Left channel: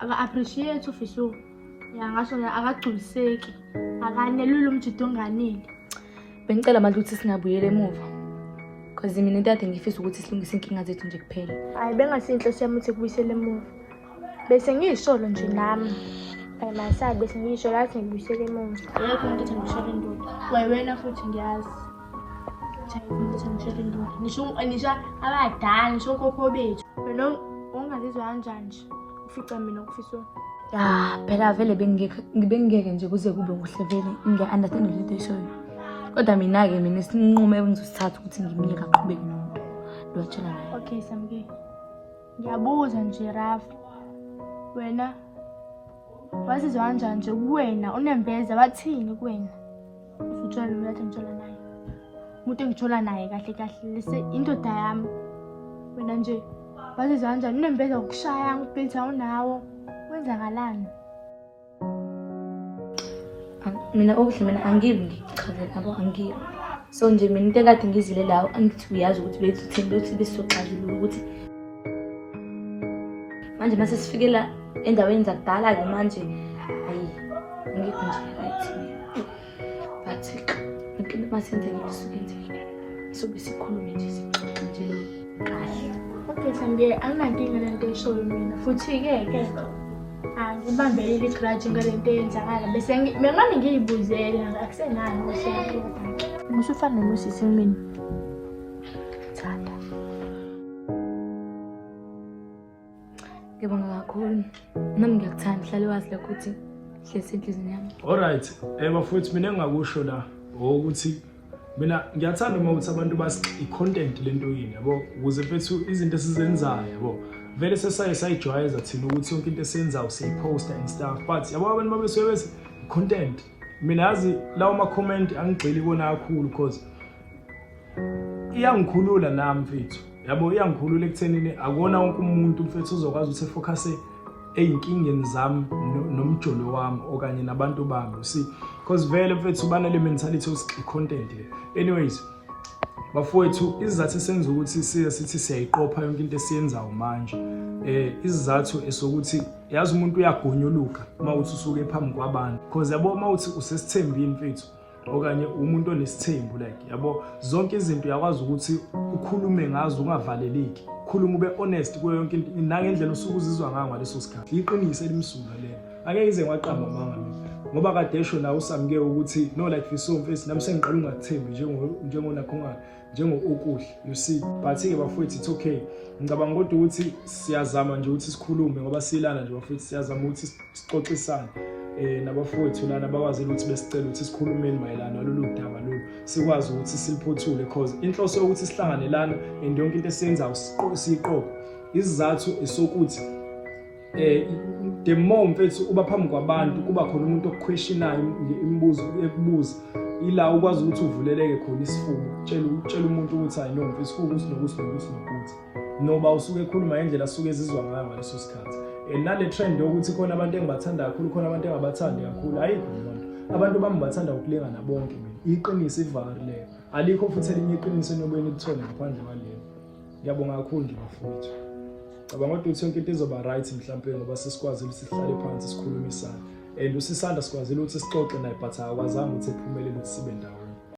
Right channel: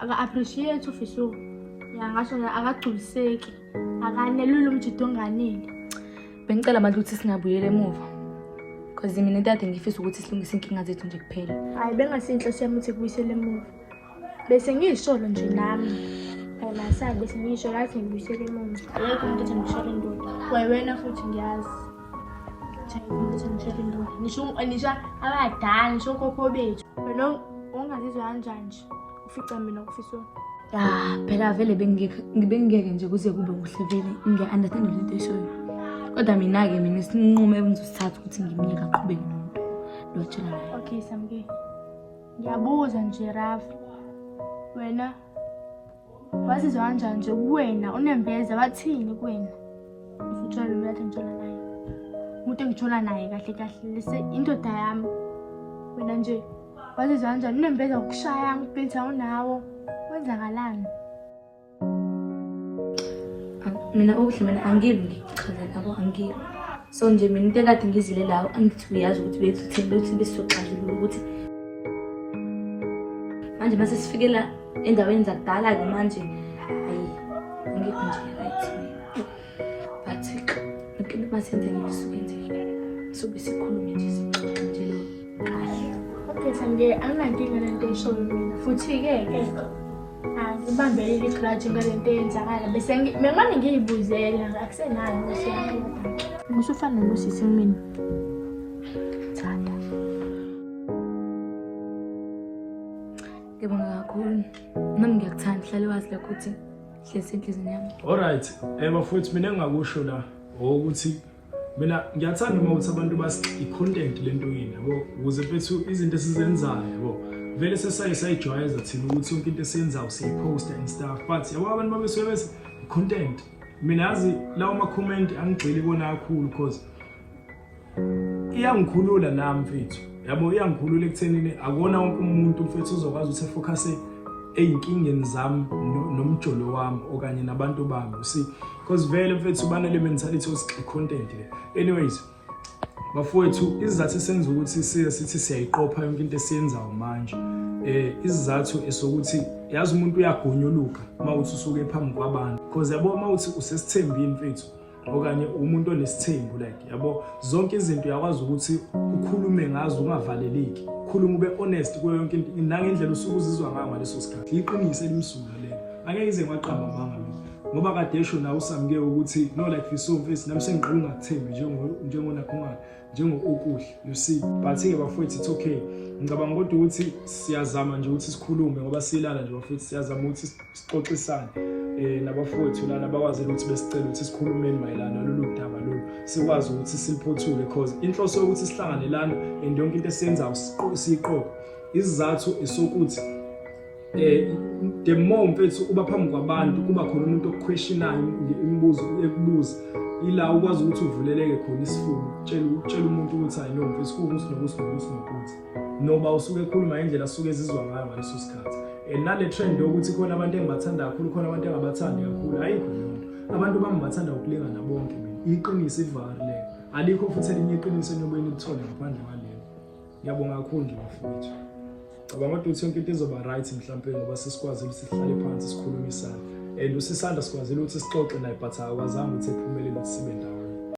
aka-appreciate ufiso. Ya ngasho akagculiseki. Akanelula umjido onganele. Bengicela manje ukuthi singabuyela emuva. Because mina into ngifisa ukuthi silungise inkinga zethu nje kuphela. Hayi bengasinhle siyami ukuthi kubuyisele emuva. Bese ngiyisholo nje nami. Masabe bese ngisho lathi ngibuyisele emuva. Yebo umuntu ethi ngishole indoda. Wena futhi ngiyazi. Umuntu ethi ngishole indoda. Nisho abadala, nisho kokho bethu. Wena ungazizwa kanjani nje? Ufica mina kufiso. Phela vele bengingeke nje kuze kube kuhle vele ngiya-understand lento eshoyo. Kodwa mina-ke mina isinqumo engizosithatha ukuthi ngimyeke aqhubeke nomuntu lo atshela naye. Okay Samke. Ngiyabuza nje Rafa. Wena wazizwa kanjani nje kuwena unembeza bathini kuwena? Ufutshela mina lathi ngithola naye. Umuntu engithola naye kahle kahle lese indoda yami. Wena nje wazizwa kanjani unembeza ukushaya ngiphetha unawo? Kwenzakalani? Mina okuhle mina angibi ngichazela yabo angibi. So nje mina into ekade ngizile lawo angithi uyazi ukuthi bethu themba ukuthi besoxazulula ukuthi manje mase sifikela endaweni zakudala-ke manje hayi angikho nje right. But impilo masenzele kusukenzele sobe sikhulume nje sixoxe nje lo. Okay Samke anginankinga lento eshoyo mina futhi-ke ngibambelele igrudge ngalento eyenzakala bese mina ngiyibuzele akusenalo uhlelo. Ngusufana nomusisi mina. Thanda. Ngibonga kakhulu. Nami ngiyakuthanda hlale wazi lokho ukuthi hlezi enhlizweni yami. Alright, bafowethu mina engakusho la ukuthi mina ngiyathanda uma ukuthi abantu basi-content lento yini yabo ukuze bethu izinto esizenzayo yabo vele sesayijwayeza thina ukuthi yonke into esiyenzayo siyiposta and stuff but yabo abantu babesebenzisa content. Mina yazi lawo ma-comment angigxili kona kakhulu because iyangikhulula nami mfethu yabo iyangikhulula ekuthenini akona wonke umuntu mfethu uzokwazi ukuthi efocuse eyinkingeni zami nomjolo wami okanye nabantu bami see because vele mfethu banale mentality of content. Anyways bafowethu izizathu esenza ukuthi sithi siyayiqopha yonke into esiyenzayo manje izizathu esokuthi yazi umuntu uyagonyoluka uma uthi usuke phambi kwabantu because yabo uma uthi usesithembini mfethu okanye umuntu onesithembu like yabo zonke izinto uyakwazi ukuthi ukhulume ngazo ungavaleleki ukhuluma ube honest kuyo yonke into nangendlela usuke uzizwa ngayo ngaleso sikhathi iqinise elimsulwa lelo angeke ize ngaqamba manga mina ngoba kade esho nawe usamke ukuthi no like fiso mfethu nami sengiqala ungathembi njengonakhona njengokuhle you see but-ke bafowethu it's okay. Ngicabanga kodwa ukuthi siyazama nje ukuthi sikhulume ngoba silana nje bafowethu siyazama ukuthi sixoxisane nabafowethu lana bakwazi ukuthi besicela ukuthi sikhulumeni mayelana nalolu daba lolu sikwazi ukuthi siliphothule because inhloso yokuthi sihlangane lana and yonke into esiyenzayo siyiqoqe isizathu esokuthi the more mfethu uba phambi kwabantu kuba khona umuntu okuquestionayo imibuzo ekubuza ila ukwazi ukuthi uvuleleke khona isifuba utshela umuntu ukuthi hayi no mfethu kunokuthi noba usuke ekhuluma indlela asuke ezizwa ngayo ngaleso sikhathi nale trend yokuthi khona abantu engibathanda kakhulu khona abantu engabathandi kakhulu ayikho yonto abantu bami bathanda ukulingana bonke mina iqiniso ivalile alikho futhi elinye iqiniso enyobe ngilithole ngaphandle kwalelo. Ngiyabonga kakhulu nje bafowethu. Cabanga ukuthi yonke into izoba right mhlawumbe ngoba sesikwazi ukuthi sihlale phansi sikhulumisane usisanda sikwazi ukuthi sixoxe naye but akwazanga ukuthi ephumelele sibe ndawo.